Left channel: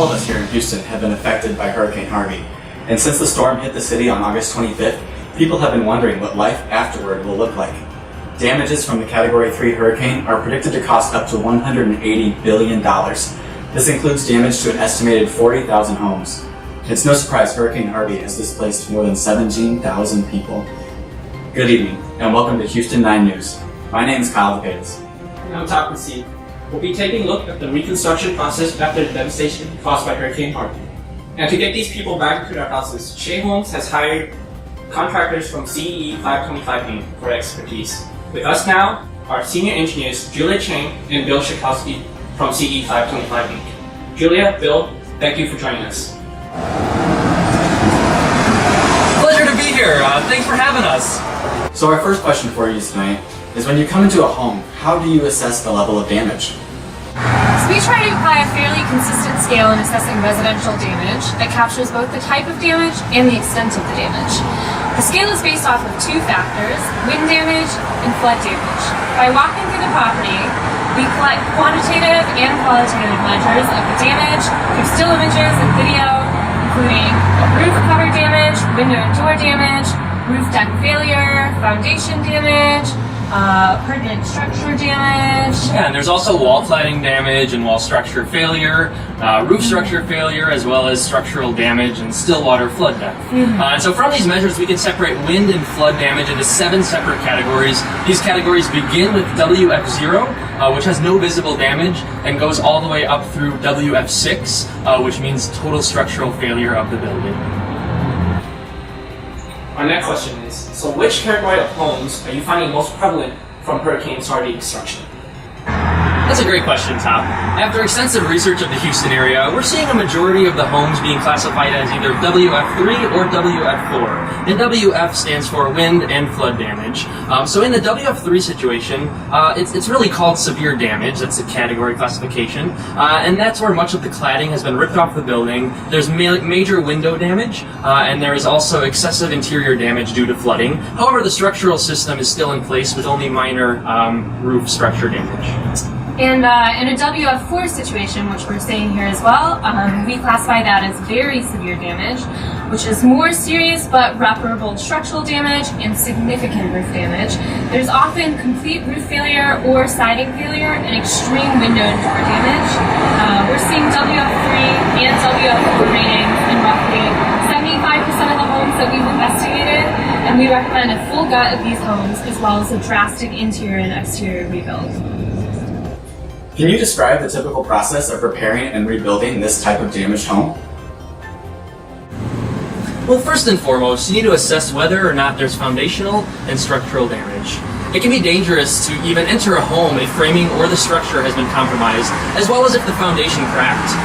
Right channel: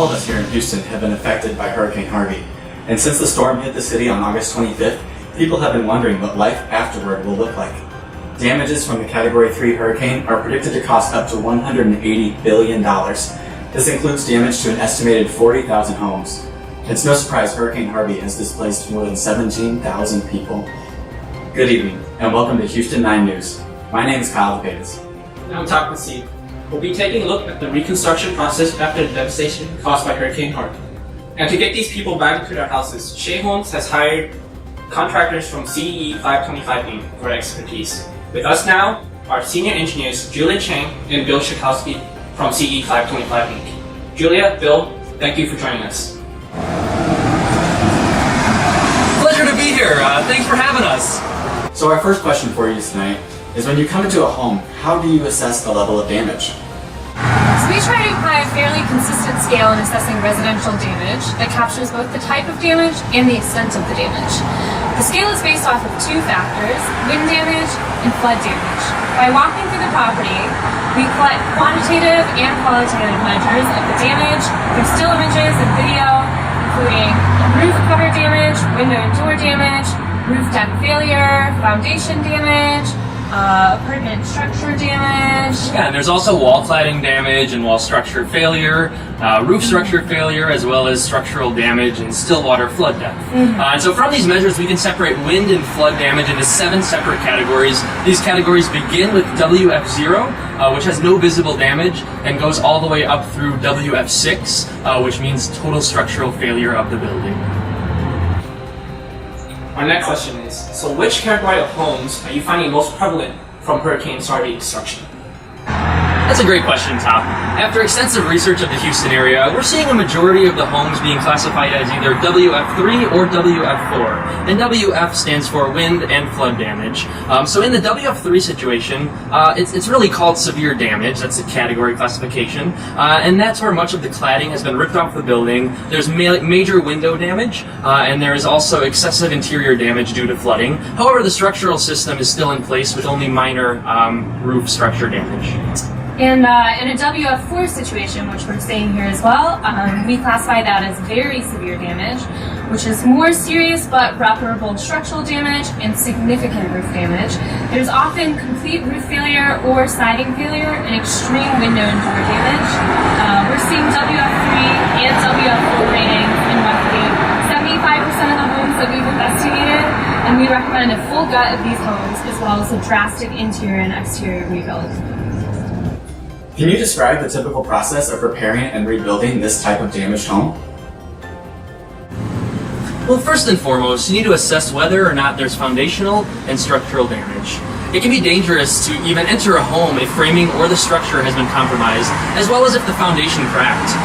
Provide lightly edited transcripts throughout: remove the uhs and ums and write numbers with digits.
All of us here in Houston have been affected by Hurricane Harvey, and since the storm hit the city on August 25th, people have been wondering what life afterward will look like. Damages from the Category 3 hurricane are predicted to cost up to $180 billion. This includes damage to an estimated 40,000 homes. It's no surprise Hurricane Harvey has displaced more than 17,000 people. Good evening, and welcome to Houston 9 News. My name is Kyle Paynes. I'm Todd Massey. We'll be taking a look at the reconstruction process after the devastation caused by Hurricane Harvey. And to get these people back into their houses, Shea Homes has hired contractors from CEE 525 Inc. for expertise. With us now are senior engineers Julia Chang and Bill Shikowski from CEE 525 Inc. Julia, Bill, thank you for joining us. Pleasure to be here. Thanks for having us. So our first question for you tonight is, when you come into a home, how do you assess the level of damage? So we try to apply a fairly consistent scale in assessing residential damage that captures both the type of damage and the extent of the damage. The scale is based off of two factors: wind damage and flood damage. By walking through the property, we collect quantitative and qualitative measures of the damage through still images and video, including roof cover damage, window and door damage, roof deck failure, foundation damage, permanent structure damage. Yeah, and there's also wall cladding damage and wall structure failure, roof structure failure, as well as structural damage and still water flood depth. And so from these measures, we can separate wind and flood damage into 7 separate categories. These categories begin with WF0, which has no visible damage, and goes all the way up through WF6, which means total structural failure of the building. Our next question is, so which category of homes are you finding most prevalent from Hurricane Harvey destruction? That's a great question, Tom. After extensive research of the Houston area, we're seeing a majority of the homes being classified as either WF3 or WF4. The WF stands for wind and flood damage. So in the WF3 situation, it's really called severe damage. That's a category classification. And that's where much of the cladding has been ripped off the building. There's major window damage, and there is also excessive interior damage due to flooding. However, the structural system is still in place with only minor roof structure damage. And in a WF4 situation, which we're saying here as well, we classify that as very severe damage, which is more serious but reparable structural damage and significant roof damage. There's often complete roof failure or siding failure and extreme window and door damage. We're seeing WF3 and WF4 ratings in roughly 75% of the homes that we've investigated, and we recommend a full gut of these homes as well as a drastic interior and exterior rebuild. Can you describe the typical process of repairing and rebuilding this type of damaged home? Well, first and foremost, you need to assess whether or not there's foundational and structural damage. It can be dangerous to even enter a home if framing or the structure has been compromised, as well as if the foundation cracked.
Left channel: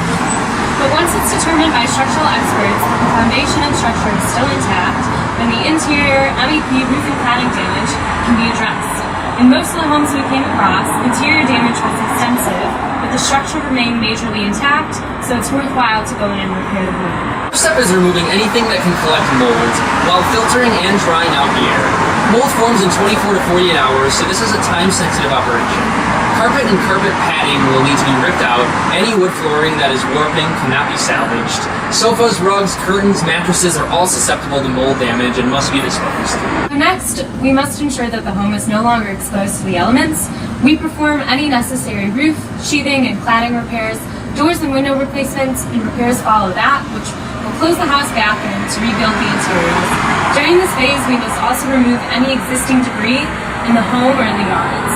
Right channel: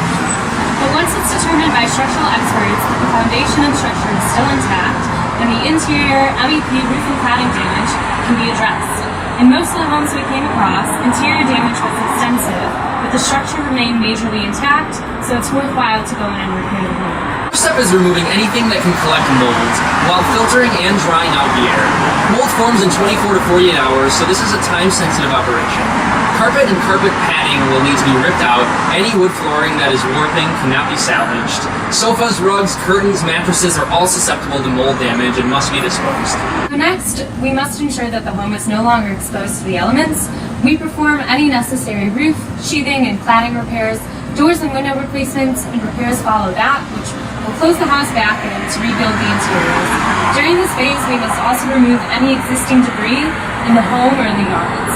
But once it's determined by structural experts that the foundation and structure is still intact, then the interior MEP roof and cladding damage can be addressed. In most of the homes we came across, interior damage was extensive, but the structure remained majorly intact, so it's worthwhile to go in and repair the room. First step is removing anything that can collect mold, while filtering and drying out the air. Mold forms in 24 to 48 hours, so this is a time-sensitive operation. Carpet and carpet padding will need to be ripped out. Any wood flooring that is warping cannot be salvaged. Sofas, rugs, curtains, mattresses are all susceptible to mold damage and must be disposed. Next, we must ensure that the home is no longer exposed to the elements. We perform any necessary roof, sheathing, and cladding repairs. Doors and window replacements and repairs follow that, which will close the house back in to rebuild the interiors. During this phase, we must also remove any existing debris in the home or in the yards.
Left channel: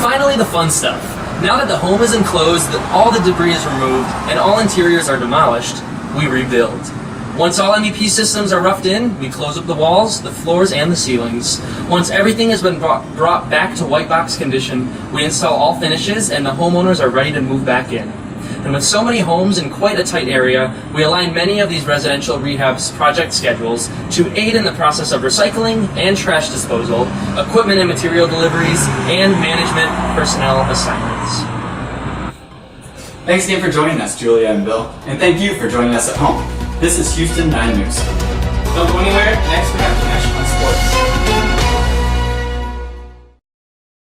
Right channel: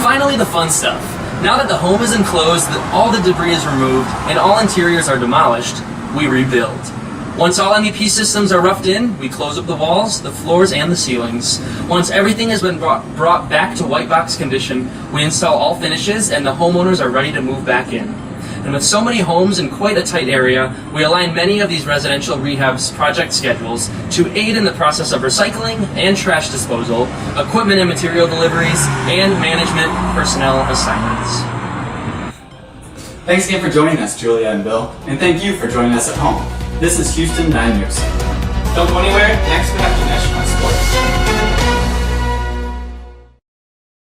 Finally, the fun stuff. Now that the home is enclosed, all the debris is removed, and all interiors are demolished, we rebuild. Once all MEP systems are roughed in, we close up the walls, the floors, and the ceilings. Once everything has been brought back to white box condition, we install all finishes, and the homeowners are ready to move back in. And with so many homes in quite a tight area, we align many of these residential rehab's project schedules to aid in the process of recycling and trash disposal, equipment and material deliveries, and management personnel assignments. Thanks again for joining us, Julia and Bill, and thank you for joining us at home. This is Houston 9 News. Don't go anywhere.